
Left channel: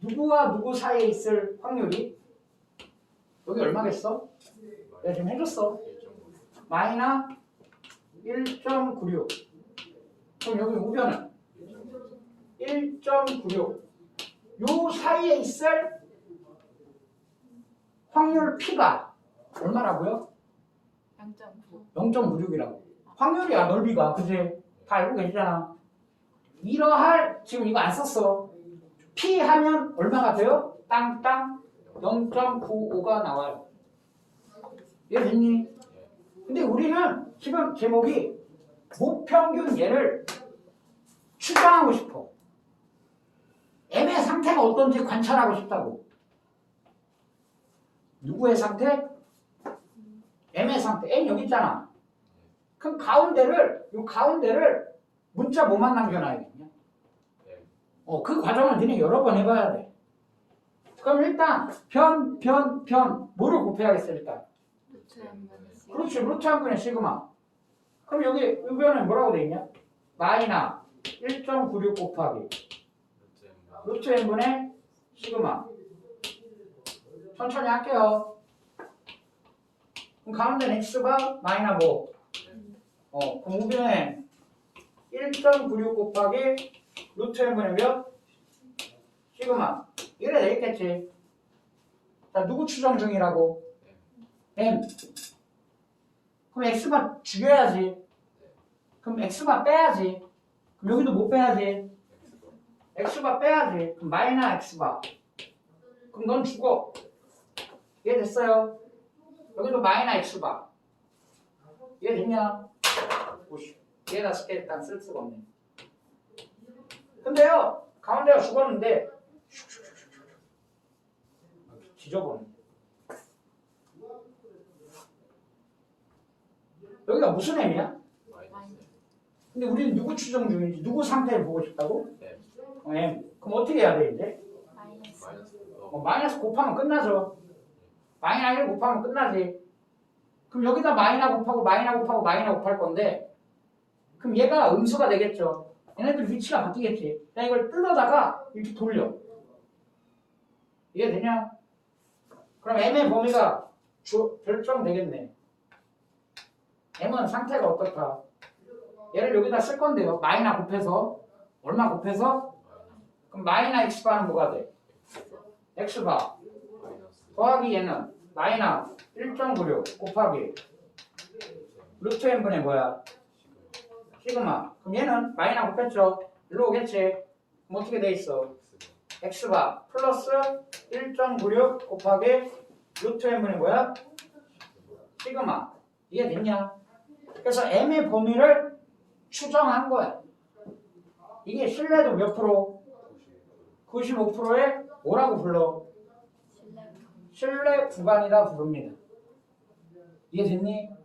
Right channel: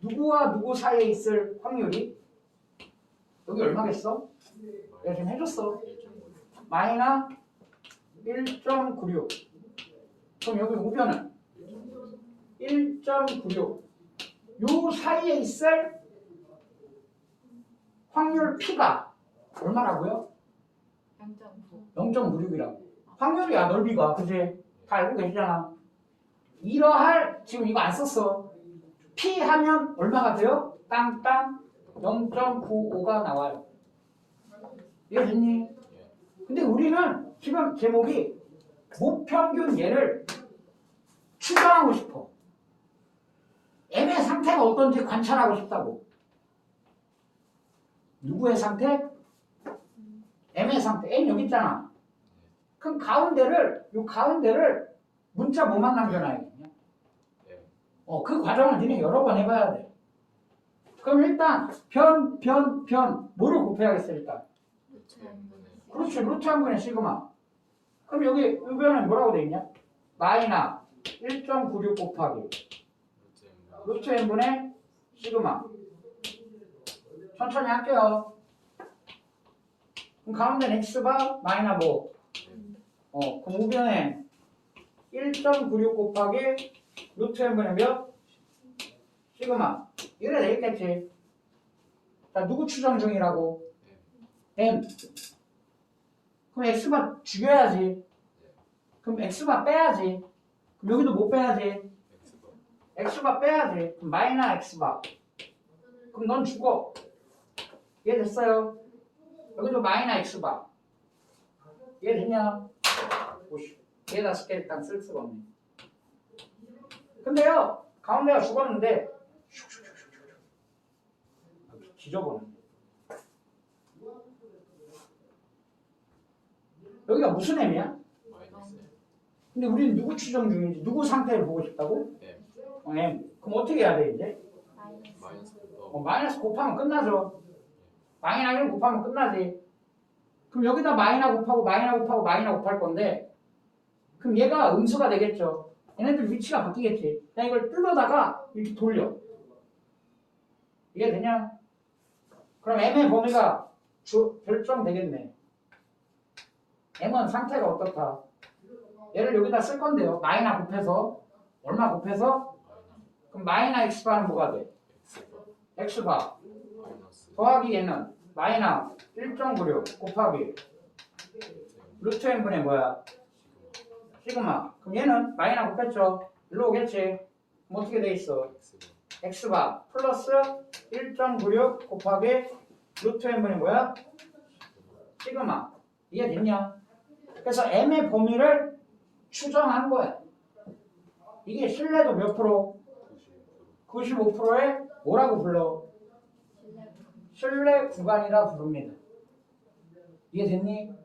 누구와 누구 사이에 있을 확률이 여기 얼마겠어? 내가 지금 해줬어. 마이너 1.96. 그럼 여기 우변은 1.96. 요 사이에 있을 확률 P가 얼마라고요? 0.9. 0.96이라고. 확률이야 넓이가. 그지? 다 알고 계시잖아. 이러할 지금 이거 안 썼어. P 하면 얼마가 돼요? 땅땅 0.95가 나와요. 이해됐니? 근데 우리는 지금 제목이 무평균 얘를 추정하고 싶어. M의 상태가 어떤지 관찰하고 싶다고. 누구의 상태? M의 상태. M 여기 있잖아. 그럼 요 가운데를 문자 뭐만 남겨놔야겠냐? 그 과정을 니네 여러 번 해봐야 돼. 그럼 일단 변 뭐를 곱해야겠어 일단? 루트 N분의 그렇지. 루트 한 분의 시그마. 그럼 여기 의변은 뭐라고 돼 있냐? 마이너 1.96 곱하기 루트 n분의 시그마. 천천히 할게요. 그럼 가운데는 x가 마이너 뭐? 그럼 우변에 1.96 곱하기 루트 n분의 몇? 시그마. 이래 되겠지. 자, 누구 추정 중이라고? m. 그럼 x가 죽여야지. 그럼 x가 빼야지. 그럼 여기도 못 빼야지. x바 빼야지. 그럼 마이너 x바. 그럼 넌 죽어. 이해됐어요? 여기도 마이너 x바. 이해됐냐? 오씨. 얘다 쉽게 일단 쓸 수가 없네. 근데요, 가운데가 죽었는데 지저분해. 여기가 무슨 m이야? 근데 우리는 누구 추정 중인지 누구 상태를 보고 싶다고? M. 그럼 어떻게 해야 돼 이제? 마이너스. 마이너스 곱하면 끝나죠. 마이너스 1 곱하면 끝나지. 그럼 여기다 마이너스 곱하고 마이너스 곱하고 마이너스 곱할 건데 그럼 얘가 음수가 되겠죠. 얘네들 위치가 바뀌겠지. 나 이걸 뜯어다가 이렇게 돌려. 이게 되냐? 그럼 M의 범위가 결정되겠네. M은 상태가 어떻다? 얘를 여기다 쓸 건데요. 마이너스 곱해서 얼마 곱해서? 그럼 마이너스 X바는 뭐가 돼? X바 더하기 얘는 마이너스 1.96 곱하기 루트 n분의 뭐야? 시그마. 그럼 얘는 마이너스 곱했죠? 일로 오겠지? 그럼 어떻게 돼 있어? X바 플러스 1.96 곱하기 루트 n분의 뭐야? 시그마. 이게 됐냐? 그래서 M의 범위를 추정한 거야. 이게 신뢰도 몇 프로? 95%에 뭐라고 불러? 신뢰 구간이라 부릅니다. 이해됐니?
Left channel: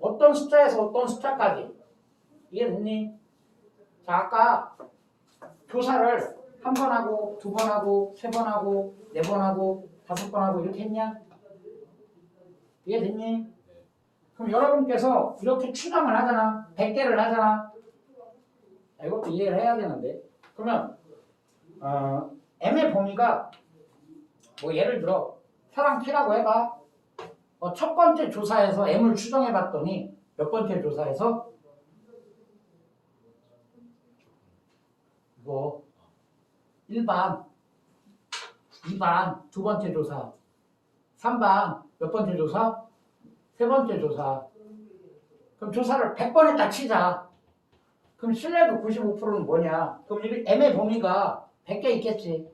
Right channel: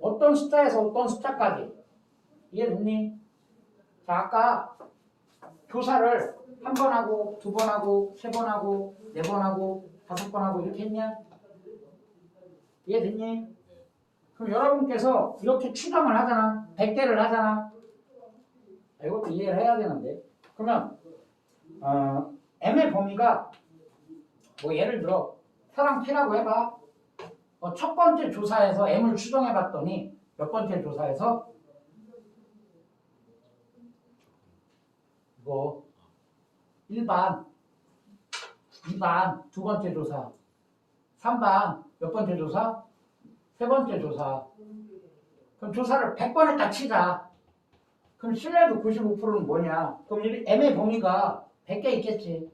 어떤 숫자에서 어떤 숫자까지? 이해됐니? 자, 아까 조사를 한 번 하고, 두 번 하고, 세 번 하고, 네 번 하고, 다섯 번 하고 이렇게 했냐? 이해됐니? 그럼 여러분께서 이렇게 추정을 하잖아. 100개를 하잖아. 이것도 이해를 해야 되는데. 그러면 M의 범위가 뭐 예를 들어 사랑 P라고 해봐. 첫 번째 조사에서 M을 추정해봤더니 몇 번째 조사에서 뭐 1반, 2반 두 번째 조사, 3반 몇 번째 조사? 세 번째 조사. 그럼 조사를 100번 했다 치자. 그럼 신뢰도 95%는 뭐냐? 그럼 M의 범위가 100개 있겠지.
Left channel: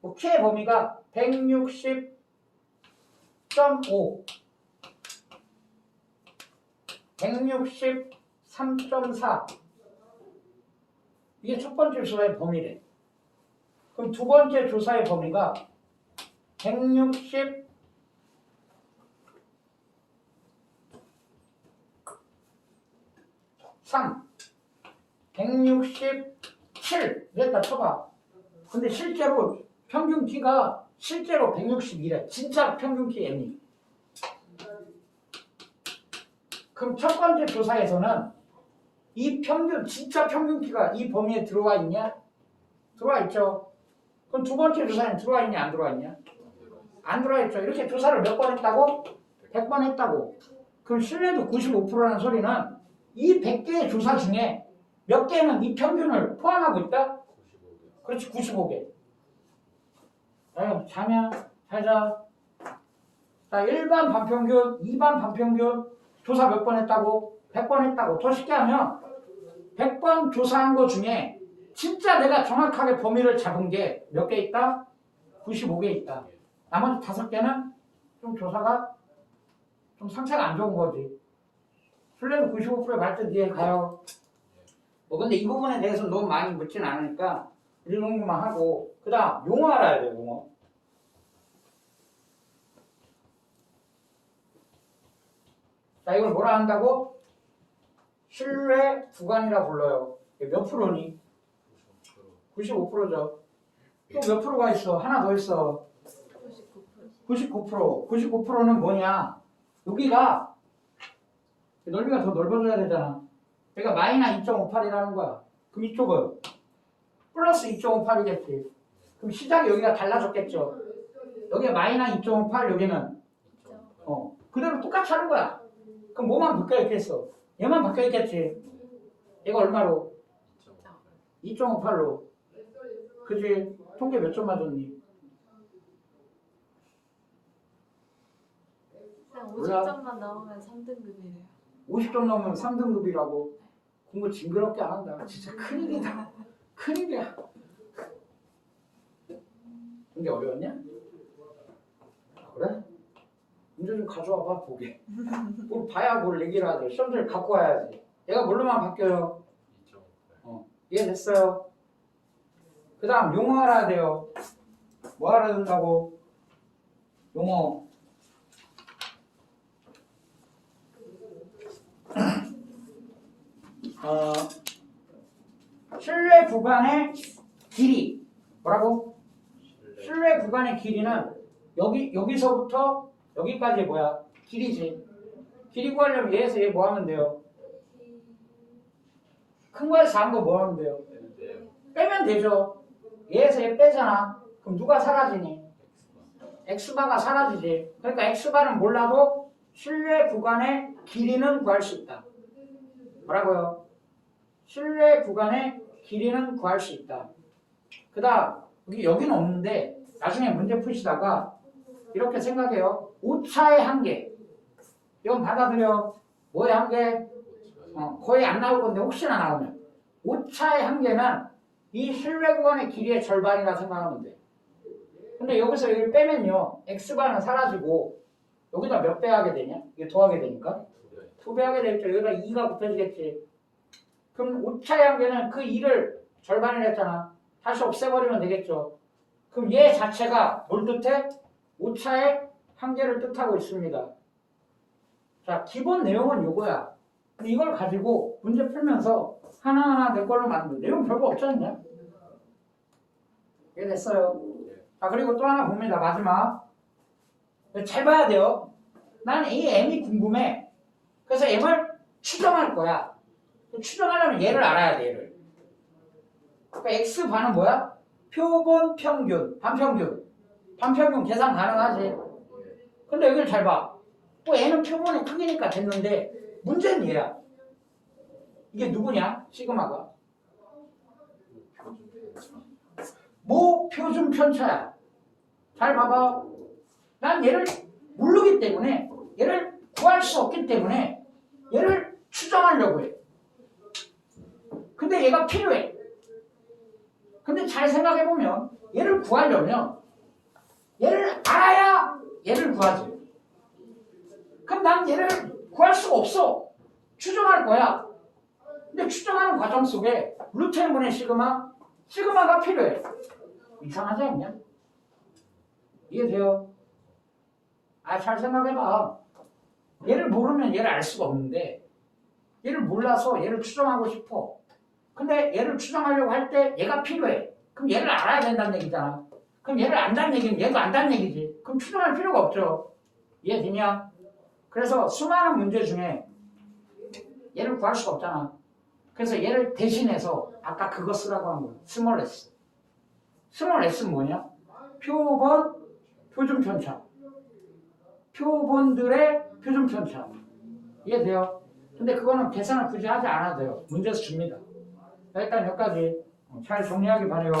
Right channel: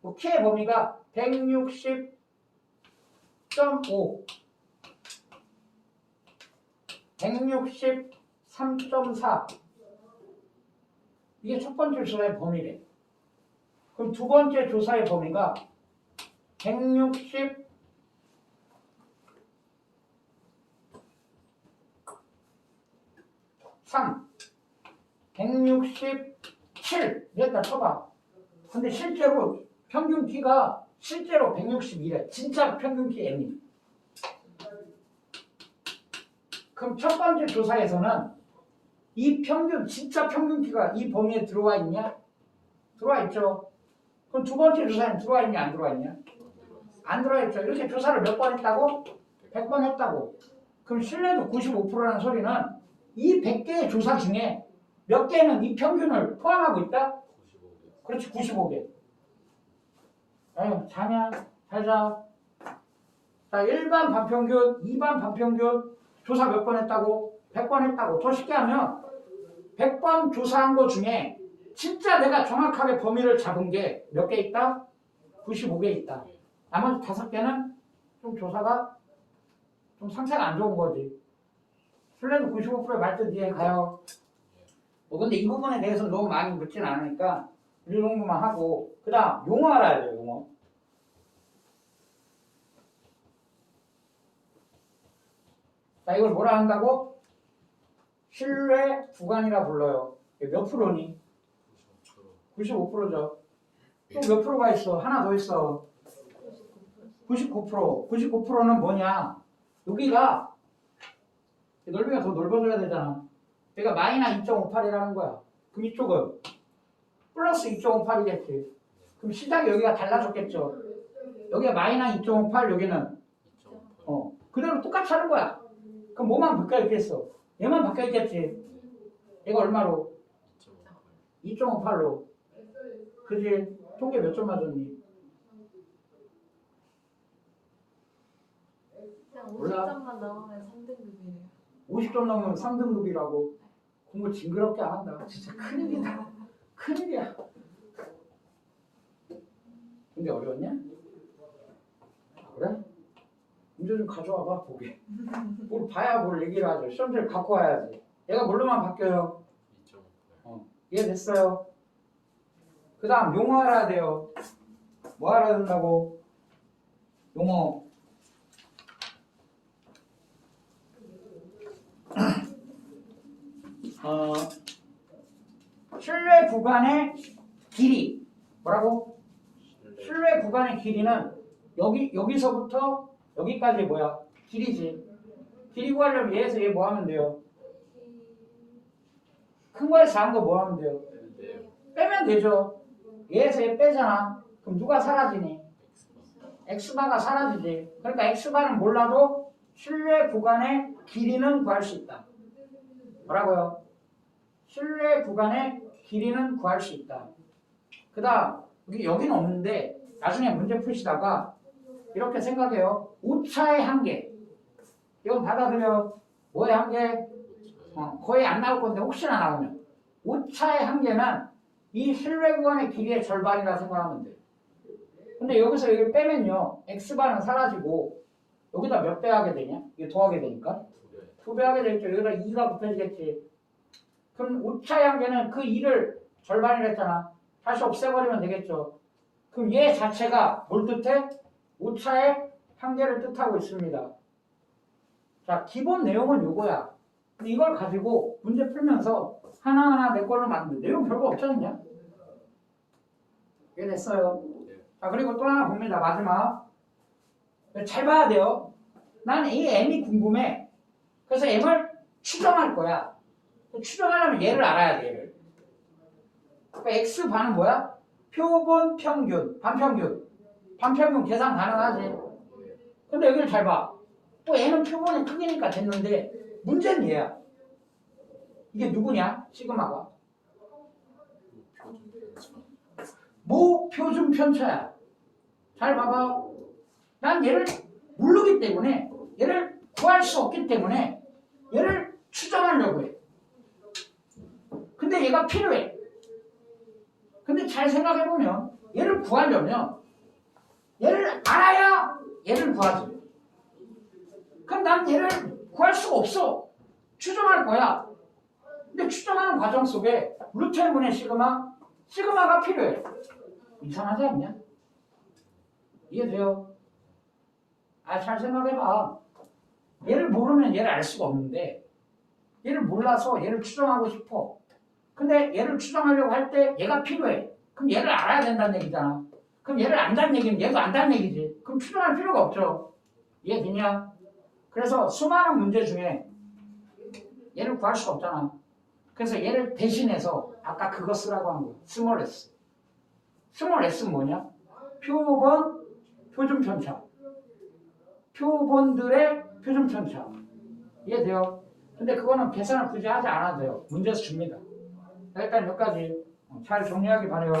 뭐 K의 범위가 160.5 163.4 이게 첫 번째 조사의 범위래. 그럼 두 번째 조사의 범위가 163 167 이랬다 쳐봐. 근데 실제로 평균 키가 실제로 162래. 진짜 평균 키 M이. 그럼 첫 번째 조사에서는 이 평균, 진짜 평균 키가 이 범위에 들어와 있냐? 들어와 있죠. 그럼 두 번째 조사는 들어와 있냐? 안 들어와 있냐? 안 들어와 있죠. 이렇게 조사를 몇 번 했다고? 100번 했다고. 그럼 신뢰도 95%라는 소리는 이 100개의 조사 중에 몇 개는 이 평균을 포함하고 있다? 그렇지, 95개. 아유, 자냐? 잘자. 자, 1반 반평균, 2반 반평균 조사 몇 번 했다고? 100번 했다고. 더 쉽게 하면 100번 조사한 거 중에 진짜 내가 정확하게 범위를 잡은 게 몇 개 있다? 95개 있다. 나머지 5개는 좀 조사가 좀 상태가 안 좋은 거지. 신뢰도 95%의 말뜻 이해 가요. 근데 이 부분에 대해서 너무 많이 묻진 않으니까 이 정도만 하고 그 다음 용어 알아야 돼요. 용어. 자, 이걸 뭐라 한다고? 신뢰 구간이라 불러요. 몇 프로니? 95%죠. 또 몇 프로가 있어? 하나 더 있어. 99%. 99%는 뭐냐? 여기가 넓이가 더 넓어져야 되잖아. 그러니까 마이너스 2.58이라는 거야. 그럼 이쪽은 플러스 2.58이겠지. 그럼 시작이 여기가 달라졌겠죠. 여기가 마이너스 2.58, 여기는 그대로 똑같이 하는 거야. 그럼 뭐만 바뀌어 있겠어? 얘만 바뀌어 있겠지. 얘가 얼마로? 2.58로. 그지? 통계 몇 점 맞았니? 50점만 넘으면 3등급이에요. 50점 넘으면 3등급이라고. 공부 징그럽게 안 한다. 진짜 큰일이다. 큰일이야. 근데 어려웠냐? 그래? 문제 좀 가져와 봐 보게. 뭘 봐야 뭘 얘기를 하죠. 시험지를 갖고 와야지. 얘가 뭘로만 바뀌어요? 이해됐어요? 그 다음 용어 알아야 돼요. 뭐 알아야 된다고? 용어. 구간의 길이 뭐라고? 실내 구간의 길이는 여기서부터 여기까지 뭐야? 길이지. 길이 구하려면 얘에서 얘 뭐 하면 돼요? 큰 거에서 작은 거 뭐 하면 돼요? 빼면 되죠. 얘에서 얘 빼잖아. 그럼 누가 사라지니? x바가 사라지지. 그러니까 x바는 몰라도 실내 구간의 길이는 구할 수 있다. 뭐라고요? 실내 구간의 길이는 구할 수 있다. 그 다음 여기는 없는데 나중에 문제 푸시다가 이렇게 생각해요. 오차의 한계. 이건 받아들여. 뭐의 한계? 거의 안 나올 건데 혹시나 나오면 오차의 한계는 이 실내 구간의 길이의 절반이라 생각하면 돼. 근데 여기서 여기를 빼면요 x바는 사라지고 여기다 몇 배 하게 되냐? 이게 더하게 되니까 2배 하게 되겠죠. 여기다 2가 붙어지겠지. 그럼 오차의 한계는 그 2를 절반이라 했잖아. 다시 없애버리면 되겠죠. 그럼 얘 자체가 뭘 뜻해? 오차의 한계를 뜻하고 있습니다. 자, 기본 내용은 이거야. 근데 이걸 가지고 문제 풀면서 하나하나 내 걸로 만든 내용 별거 없지 않냐? 이해됐어요? 자, 그리고 또 하나 봅니다. 마지막. 잘 봐야 돼요. 난 이 m이 궁금해. 그래서 m을 추정할 거야. 추정하려면 얘를 알아야 돼, 얘를. 그러니까 x반은 뭐야? 표본 평균, 반평균. 반평균 계산 가능하지. 근데 여기를 잘 봐. 또 n은 표본의 크기니까 됐는데 문제는 얘야. 이게 누구냐? 시그마가. 뭐 표준 편차야. 잘 봐봐. 난 얘를 모르기 때문에 얘를 구할 수 없기 때문에 얘를 추정하려고 해. 근데 얘가 필요해. 근데 잘 생각해보면 얘를 구하려면 얘를 알아야 얘를 구하지. 그럼 난 얘를 구할 수가 없어. 추정할 거야. 근데 추정하는 과정 속에 루트 n분의 시그마가 필요해. 이상하지 않냐? 이해돼요? 잘 생각해봐. 얘를 모르면 얘를 알 수가 없는데 얘를 몰라서 얘를 추정하고 싶어. 근데 얘를 추정하려고 할 때 얘가 필요해. 그럼 얘를 알아야 된다는 얘기잖아. 그럼 얘를 안다는 얘기는 얘도 안다는 얘기지. 그럼 추정할 필요가 없죠. 이해되냐? 그래서 수많은 문제 중에 얘를 구할 수가 없잖아. 그래서 얘를 대신해서 아까 그거 쓰라고 한 거야. 스몰 s. 스몰 s는 뭐냐? 표본 표준 편차. 표본들의 표준 편차. 이해돼요? 근데 그거는 계산을 굳이 하지 않아도 돼요. 문제에서 줍니다. 일단 여기까지 잘 정리하기 바래요.